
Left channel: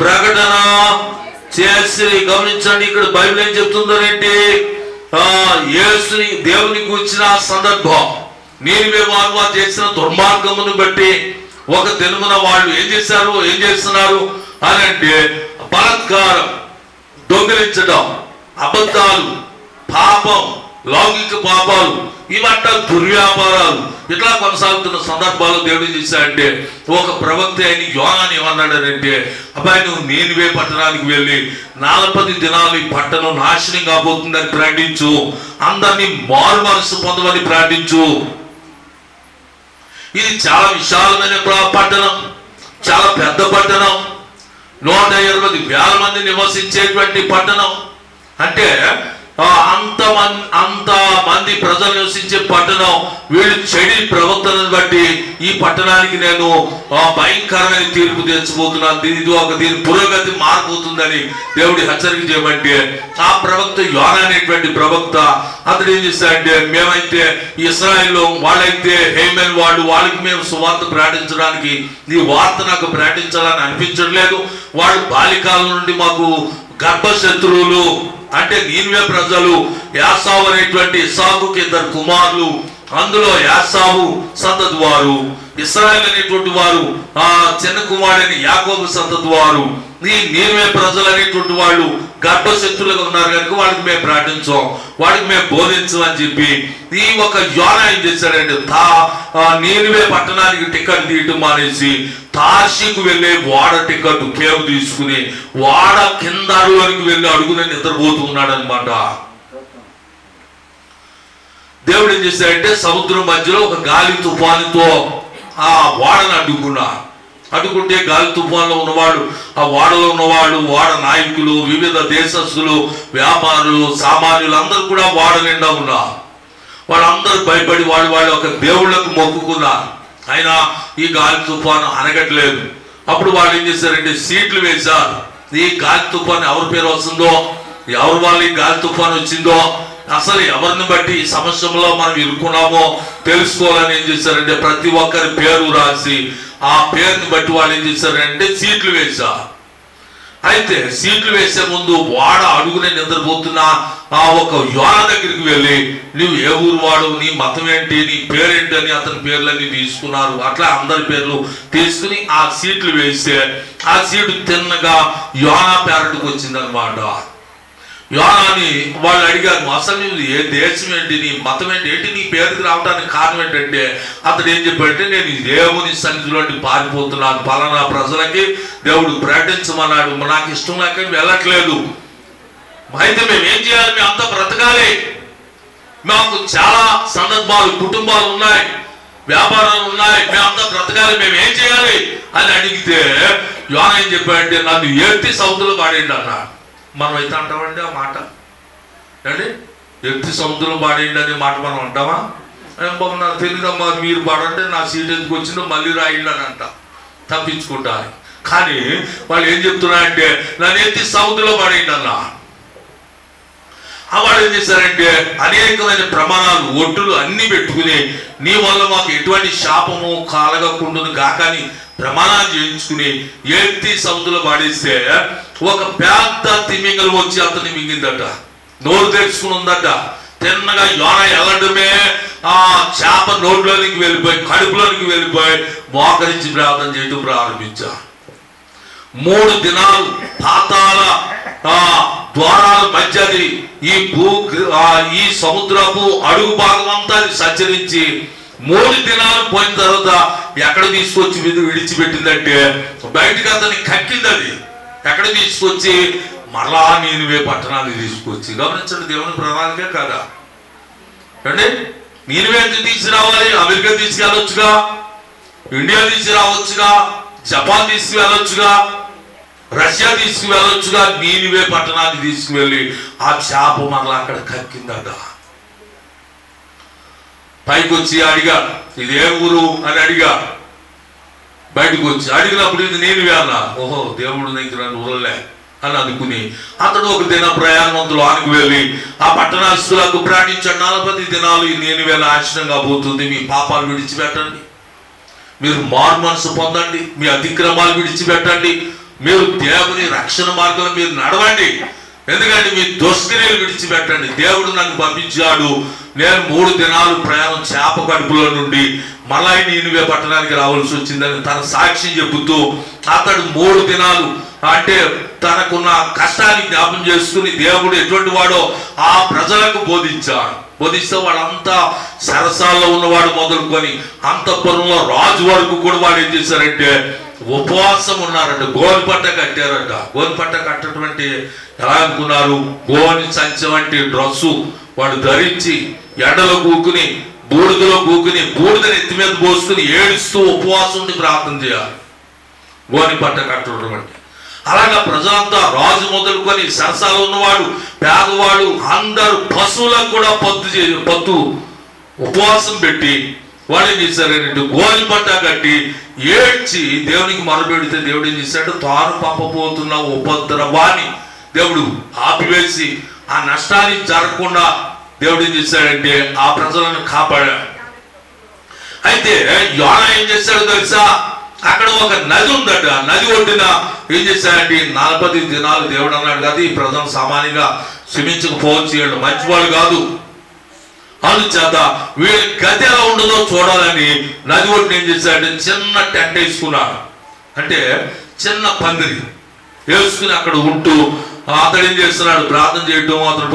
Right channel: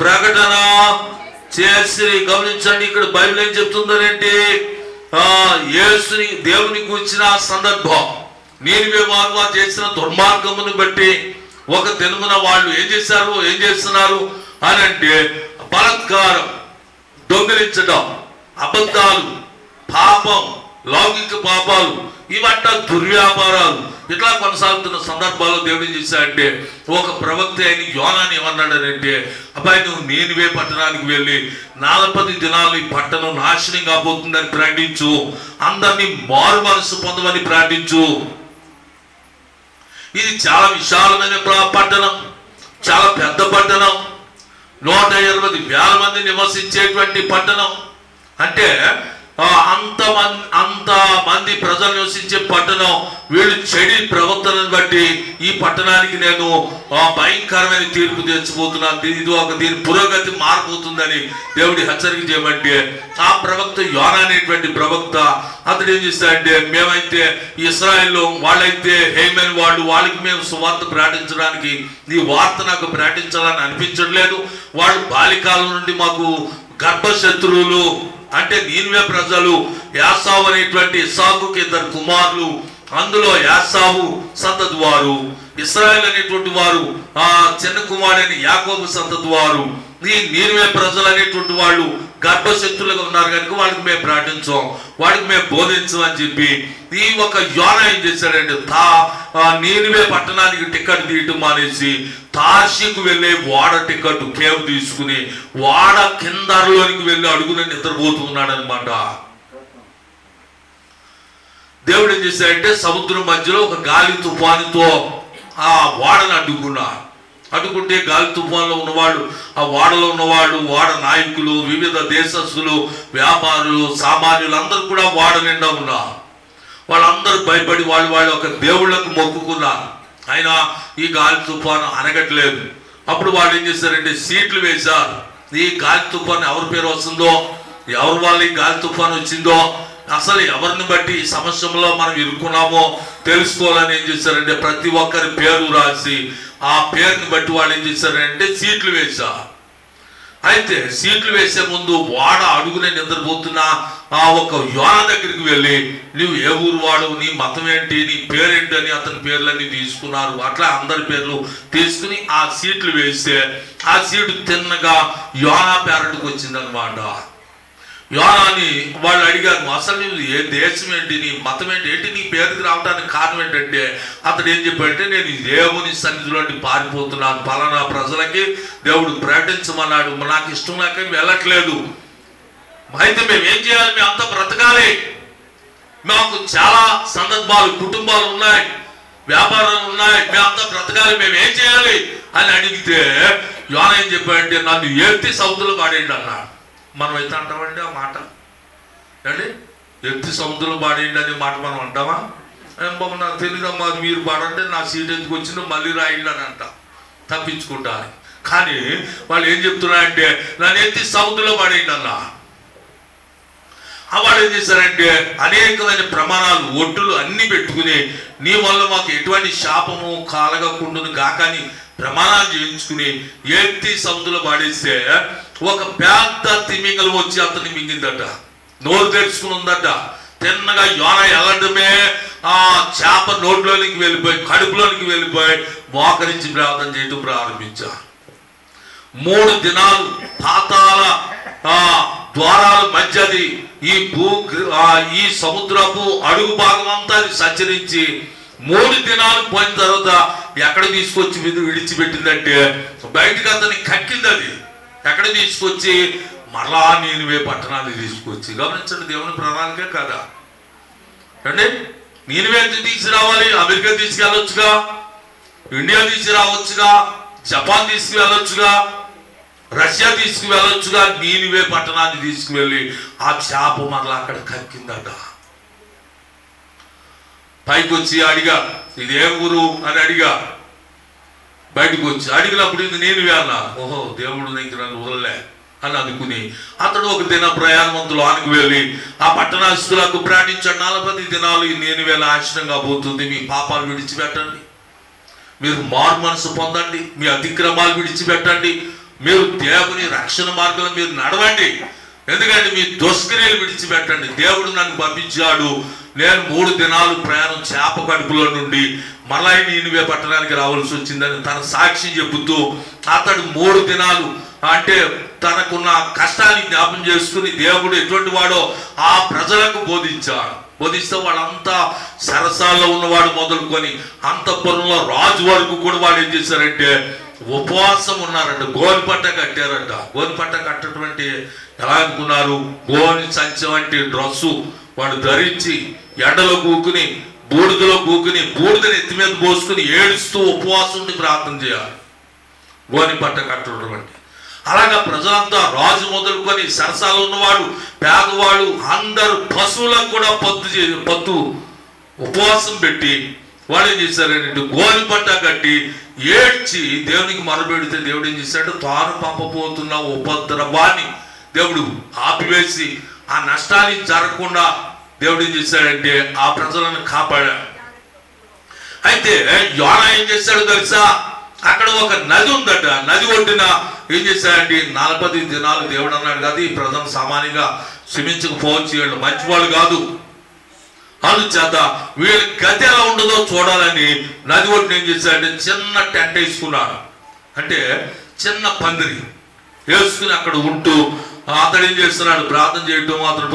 ప్రకటన చేసి. గమనించండి, ఇక్కడ బైబిల్ ఏం చెప్తుందనంటే యేసుని దేవుని గురించిన సందర్భం, నీనివే వారు చేసిన దుర్మార్గమును బట్టి ఒక దినమున వాళ్ళు ఏం చేస్తున్నారు అని అంటే బలాత్కారం, దొంగిలించడం, అబద్ధాలు, పాపం, లౌకిక పాపాలు, ఇవంట దుర్వ్యాపారాలు ఇట్లా కొనసాగుతున్న సందర్భాల్లో దేవుడు చేశాడంటే ఒక ప్రవక్త అయిన యోనాని ఏమన్నాడంటే, అబ్బాయి నువ్వు నీనివే పట్టణానికి వెళ్ళి 40 దినాలు ఈ పట్టణం నాశనం కాబోతుందని ప్రకటించు, అందరినీ మారు మనసు పొందమని ప్రకటించు. ఇది చాలా విశాలమైన పట్టణం, చాలా పెద్ద పట్టణం, 120,000 మంది నివసించేటువంటి పట్టణం. అంటే అంత మంది ప్రజలు నివసించే పట్టణం. వీళ్ళు చెడి ప్రవర్తనను బట్టి ఈ పట్టణానికి నేను భయంకరమైన తీర్పు తెచ్చిపోతున్నాను, దీని పురోగతి మారిపోతుందని దేవుడి హెచ్చరిక చేయమంటే ఆ ప్రవక్త యోనా అనేటువంటి ప్రవక్త అతడు ఏం చేస్తాడంటే, మేమైతే ఇశ్రాయేల్లో వాళ్ళైతే హేమన్ వాళ్ళకి మేము సువార్త ప్రకటించడానికి ఈ వార్త నాకు ప్రకటించాలని అనిపించట్లేదు, వాళ్ళు బాల్యకాలం నుండి మాకు గర్భశత్రువులు. అంటే నీనివే ప్రజలు యాసావు అనేటువంటి ఇస్సాకుకి 2 కుమారులు, అందులో యాసావు సంతతి వారు, ఇశ్రాయేలు అనేటువంటి వారు చిన్న కుమారుడైన యాకోబు సంతతి వారు. ఈ నీనివే ప్రజలు అనేటువంటి వాళ్ళు గర్భశత్రులుగా ఉన్నారు కనుక వాళ్ళకి మేము ప్రకటించాం, వాడికి మేము బోధించమని చెప్పి ఈ ఒక యోనా ఏం చేశాడంటే నీనివే పట్టణానికి టికెట్ తీయటం మానేసి తార్షీకు వెళ్ళే వాడ టికెట్ కేవ్ తీసుకుని వాడ కిందలోనికి వెళ్ళి అడుగున నిద్రపోతున్నాడు అనమాట. దేవుడు ఏం చేశాడంటే సముద్రం మధ్యలో ఒక గాలి తుఫానుతో ఆ వాడను అడ్డుకుంటే గాలి తుఫాన్లో ఉన్నవాడు, ఆ వాడలో ఉన్నవాడు, వాడ నాయకులు, వివిధ దేశస్తులు, వ్యాపారులు, సామాన్యులు అందరూ కూడా వాడ నిండా ఉన్నారు. వాళ్ళందరూ భయపడి వాళ్ళు ఒక దేవుళ్లకు మొక్కుకున్నారు. అయినా ఈ గాలి తుఫాను అనగట్లేదు. అప్పుడు వాళ్ళు ఏం చేశారంటే సీట్లు వేశారు. ఈ గాలి తుఫాను ఎవరి పేరు వస్తుందో, ఎవరి వల్ల ఈ గాలి తుఫాను వచ్చిందో, అసలు ఎవరిని బట్టి ఈ సమస్యలో మనం ఇరుక్కున్నామో తెలుసుకోవాలని ఏం చేశారంటే ప్రతి ఒక్కరి పేరు రాసి ఆ పేరుని బట్టి వాళ్ళు ఏం చేశారంటే సీట్లు వేశా. అయితే సీట్లు వేసే ముందు వాడ అడుగునే నిద్రపోతున్న ఆ ఒక యోనా దగ్గరికి వెళ్ళి, నువ్వు ఏ ఊరు వాడు, నీ మతం ఏంటి, నీ పేరేంటి అని అతని పేర్లన్నీ తీసుకున్నారు. అట్లా అందరి పేర్లు తీసుకుని ఆ సీట్లు వేస్తే ఆ సీటు తిన్నగా యోనా పేరటికి వచ్చిందనమాట. యోనాని వాళ్ళు అడిగారు, అసలు నువ్వు ఏ దేశం ఏంటి, నీ మతం ఏంటి, నీ పేరుకి రావడానికి కారణం ఏంటంటే అతడు ఏం చెప్పాడంటే, నేను దేవుని సన్నిధిలోకి పారిపోతున్నాను, పలానా ప్రజలకి దేవుడు ప్రకటించమన్నాడు, నాకు ఇష్టం లేక వెళ్ళట్లేదు. అయితే మేము ఏం చేయాలి, మేము అంతా బ్రతకాలి, మాకు చాలా సందర్భాలు, కుటుంబాలు ఉన్నాయి, వ్యాపారాలు ఉన్నాయి, మేమంతా బ్రతకాలి, మేము ఏం చేయాలి అని అడిగితే యోనా ఏం చెప్పాడంటే, నన్ను ఎత్తి సముద్రంలో పాడేయండి అన్నాడు. మనం అయితే అంటామండి ఆ మాట అండి, ఎత్తి సముద్రంలో పాడేయండి అనే మాట మనం అంటామా? బాబు నాకు తెలియదమ్మా, మీరు పాడంటే నా సీట్ ఎందుకు వచ్చిందో మళ్ళీ రాయండి అని అంటాం తప్పించుకుంటాను. కానీ వాళ్ళు ఏం చెప్తున్నారంటే, నన్ను ఎత్తి సముద్రంలో పాడేయండి అన్నా. వాళ్ళు ఏం చేశారంటే అనేకమైన ప్రమాణాలు, ఒట్టులు అన్ని పెట్టుకుని, నీ వల్ల మాకు ఎటువంటి శాపము కలగకుండును గాకని ప్రమాణాలు చేయించుకుని ఎత్తి సముద్రంలో పాడేస్తే ఒక పెద్ద తిమింగలం వచ్చి అతన్ని మింగిందట, నోరు తెరుచుకుని ఉందట. తిన్నగా యోనా వెళ్ళడమే ఆ చేప నోట్లోనికి వెళ్ళిపోయి, కడుపులోనికి వెళ్ళిపోయి మోకరించి ప్రార్థన చేయడం ప్రారంభించా. 3 దినాలు పాతాళ ద్వారాల మధ్యది ఈ సముద్రపు అడుగు భాగం అంతా సంచరించి 3 దినాలు పోయిన తర్వాత ఎక్కడ తీసుకొచ్చి విడిచిపెట్టిందంటే బయటకు అతన్ని కక్కింది. అది ఎక్కడ తీసుకొచ్చి మరలా నీనివే పట్టణాన్ని తీసుకొచ్చి. గమనించండి, దేవుని ప్రణాళికే కదా అండి. నీనివే ఎందుకు తీసుకురావాలి? అమెరికా తీసుకెళ్ళొచ్చుగా, ఇండియా తీసుకురావచ్చుగా, జపాన్ తీసుకువెళ్ళొచ్చుగా, రష్యా తీసుకువెళ్ళొచ్చుగా. నీనివే పట్టణాన్ని తీసుకువెళ్ళి ఆ చేప మరలా అక్కడ కక్కిందట. పైకి వచ్చి అడిగా, ఇది ఏ ఊరు అని అడిగా. బయటకు వచ్చి అడిగినప్పుడు ఇది నీనివే అన్నా. ఓహో, దేవుడు దగ్గర ఊరలే అని అనుకుని అతడు ఒక దిన ప్రయాణవంతులు ఆనికి వెళ్ళి ఆ పట్టణస్తులకు ప్రయాణించాడు. 40 దినాలు ఈ నీనివే నాశనంగా పోతుంది, మీ పాపాలు విడిచిపెట్టండి, మీరు మారు మనసు పొందండి, మీ అతిక్రమాలు విడిచిపెట్టండి, మీరు దేవుని రక్షణ మార్గంలో మీరు నడవండి, ఎందుకంటే మీ దుష్క్రియలు విడిచిపెట్టండి. దేవుడు నన్ను పంపించాడు, నేను 3 దినాలు ప్రయాణం చేప కడుపులో నుండి మళ్ళీ నీనివే పట్టణానికి రావాల్సి వచ్చిందని తన సాక్ష్యం చెబుతూ అతడు 3 దినాలు అంటే తనకున్న కష్టాన్ని జ్ఞాపం చేసుకుని దేవుడు ఎటువంటి వాడో ఆ ప్రజలకు బోధించాడు. బోధిస్తే వాళ్ళంతా సరసాల్లో ఉన్నవాడు మొదలుకొని అంతఃపురంలో రాజు వరకు కూడా వాడు ఏం చేశారంటే ఉపవాసం ఉన్నారంట. గోని పట్ట కట్టారంట. గోని పట్ట కట్టటువంటి ఎలా అనుకున్నారు? గోని సంచి వంటి డ్రస్సు వాడు ధరించి ఎండలో కూకుని, బూడిదలో కూకుని, బూడిదని ఎత్తి మీద పోసుకుని ఏడుస్తూ ఉపవాసం ఉండి ప్రార్థన చేయాలి. గోని పట్ట కట్టడం అంటే అలాగా ప్రజలంతా రాజు మొదలుకొని సరసాలు ఉన్నవాడు, పేదవాడు, అందరు పశువులకు కూడా పత్తు ఉపవాసం పెట్టి వాళ్ళు ఏం చేశారంటే గోని పట్ట కట్టి ఏడ్చి దేవునికి మొరపెడితే దేవుడు ఏం చేశాడు? తాను పంపబోతున్న ఉపద్రవాన్ని దేవుడు ఆపివేసి ఆ నష్టానికి జరగకుండా దేవుడు ఏం చేశాడంటే ఆ ప్రజలను కాపాడాడు. అయితే యోనా ఏం చేశాడు తెలుసా? అక్కడ ఒక నది ఉందట. నది ఒడ్డున ఏం చేశాడంటే 40 దినాలు దేవుడు అన్నాడు కదా, ఈ ప్రజలు సామాన్యంగా క్షమించకపోవచ్చు, వీళ్ళు మంచివాళ్ళు కాదు, అందుచేత వీళ్ళ గతి ఎలా ఉండదో చూడాలని నది ఒడ్డున ఏం చేశాడంటే చిన్న టెంట్ వేసుకున్నాడు. అంటే చిన్న పందిరి వేసుకుని అక్కడ ఉంటూ అతడు ఏం చేస్తున్నాడు? ప్రార్థన చేయటం, అతడు